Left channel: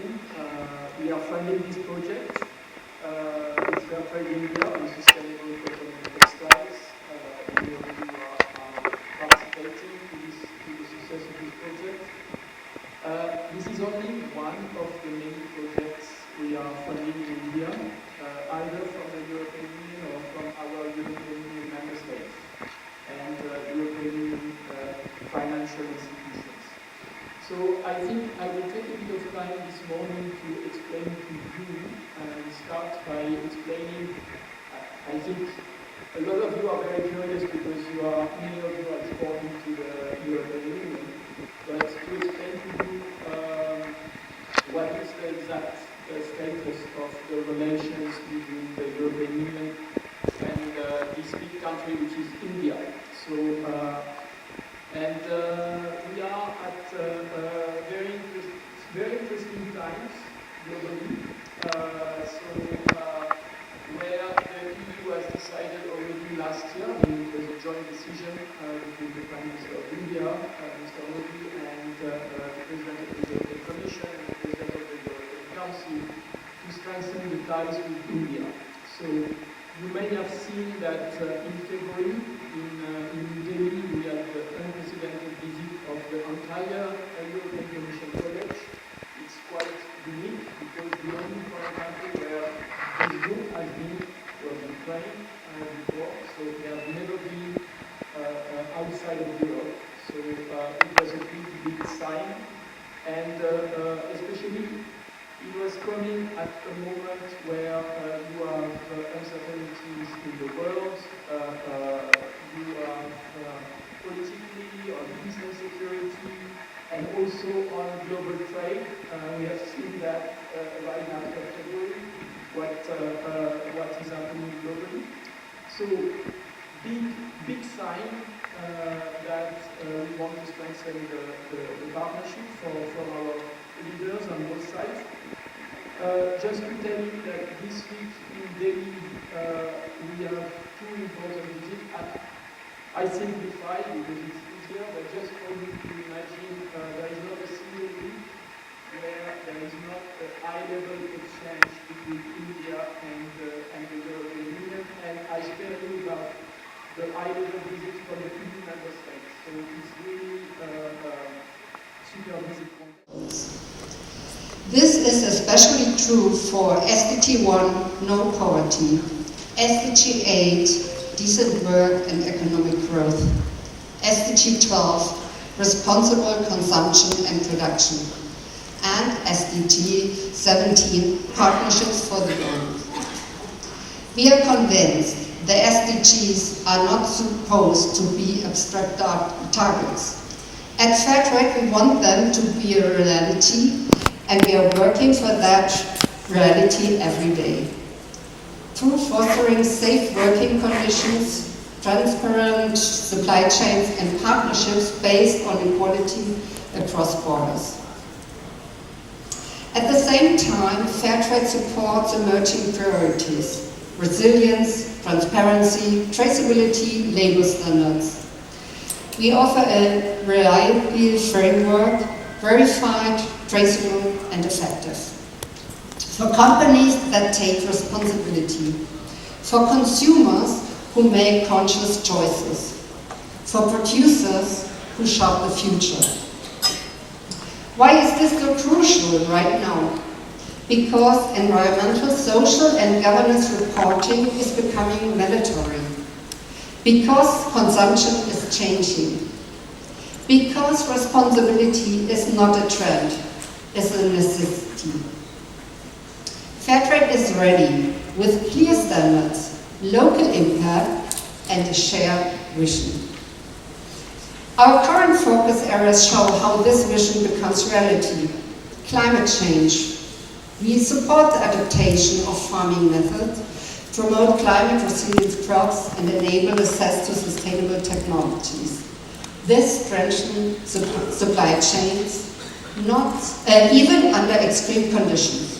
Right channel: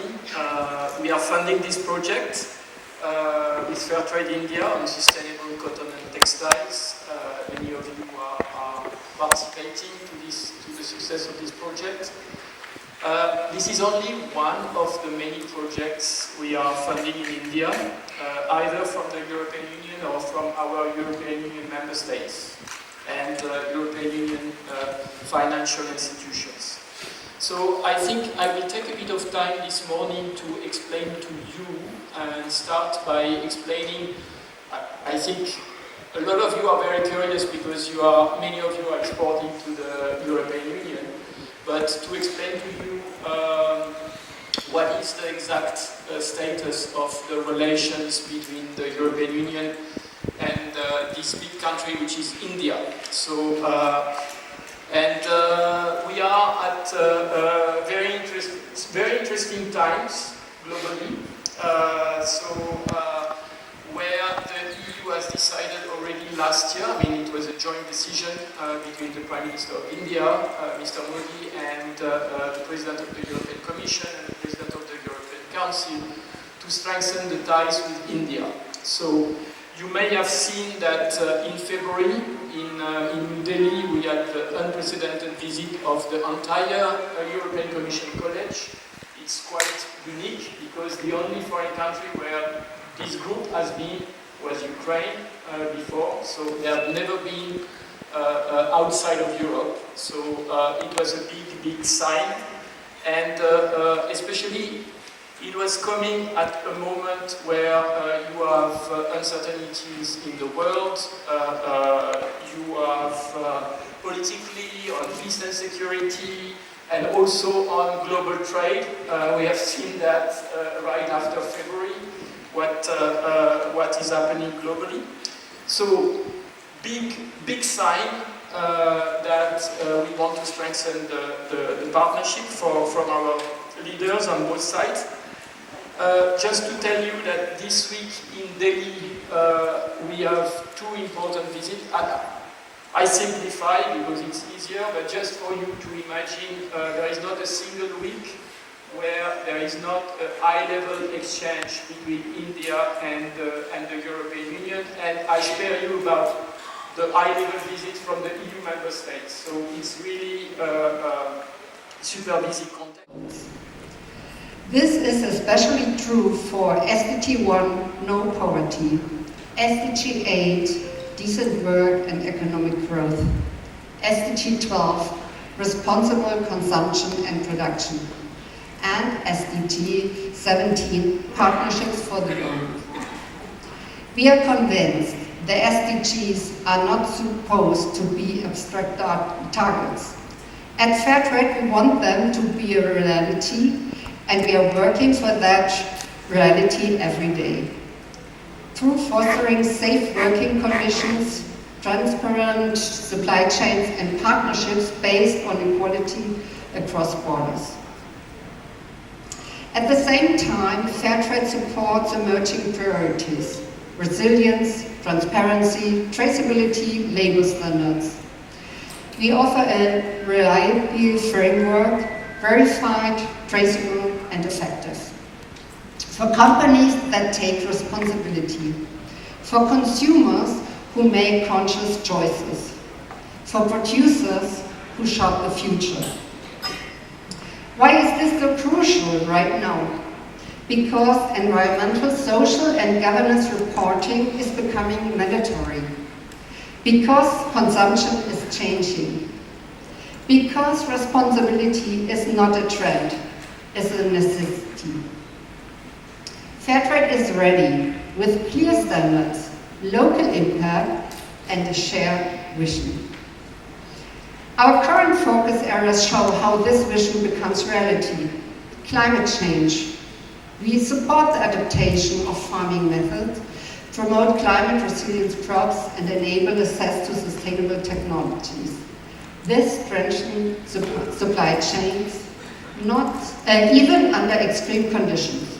company. We are funding this project with Fairtrade India on sustainable cotton and textiles. Many of you are participating to the success of this project. This is only one of the many projects we are funding in India, either from the European Union or from our European Union member states and European Union financial institutions. So I think I will take a bit of time this morning to explain to you and start by explaining, I think a lot of you are very curious because many of you are exporting to the European Union, but to explain to you what is the exact status of the relations between the European Union and this big country which is India. So, we are at very interesting times globally. Where the EU has decided already last year, I mean it was a joint decision between the Prime Minister of India, Mr. Modi, and the President of the European Commission and the President of the European Council to strengthen the ties with India. So you may have seen that in February in New Delhi we had the unprecedented visit of the entire European Commission College. It's quite unique because the only foreign country where this group has been was Ukraine before, so they have never been outside of Europe. So it was a big sign, and especially it was coming at a moment where you have uncertainties in the world, you have politically on peace and security, and also on global trade. We have seen that right after February, what is happening globally. So big sign that we want to strengthen the partnership from our leaders on both sides. Just to tell you that this week in Delhi we have two important visits. I simplify because it's easier, but just for you to imagine, there is not a single week where there is not a high-level exchange between India and the European Union, and I spare you about the high-level visit from the EU member states. So it's really a super busy context. This is especially true for SDG 1, no poverty, SDG 8, decent work and economic growth, SDG 12, responsible consumption and production, and SDG 17, partnerships for the world. We are convinced the SDGs are not supposed to be abstract targets. At Fairtrade, we want them to be a reality, and we are working for that reality every day. Through fostering safe working conditions, transparent supply chains, and partnerships based on equality across borders. At the same time, Fairtrade supports emerging priorities: resilience, transparency, traceability, labor standards. We offer a reliable framework, verified, traceable, and effective. For companies that take responsibility, for consumers who make conscious choices, for producers who shop the future. Why is this so crucial right now? Because environmental, social, and governance reporting is becoming mandatory. Because consumption is changing. Because responsibility is not a trend, it's a necessity. Fairtrade is ready with clear standards, local impact, and a shared vision. Our current focus areas show how this vision becomes reality. Climate change. We support the adaptation of farming methods, promote climate resilient crops, and enable access to sustainable technologies. This strengthens supply chains, even under extreme conditions.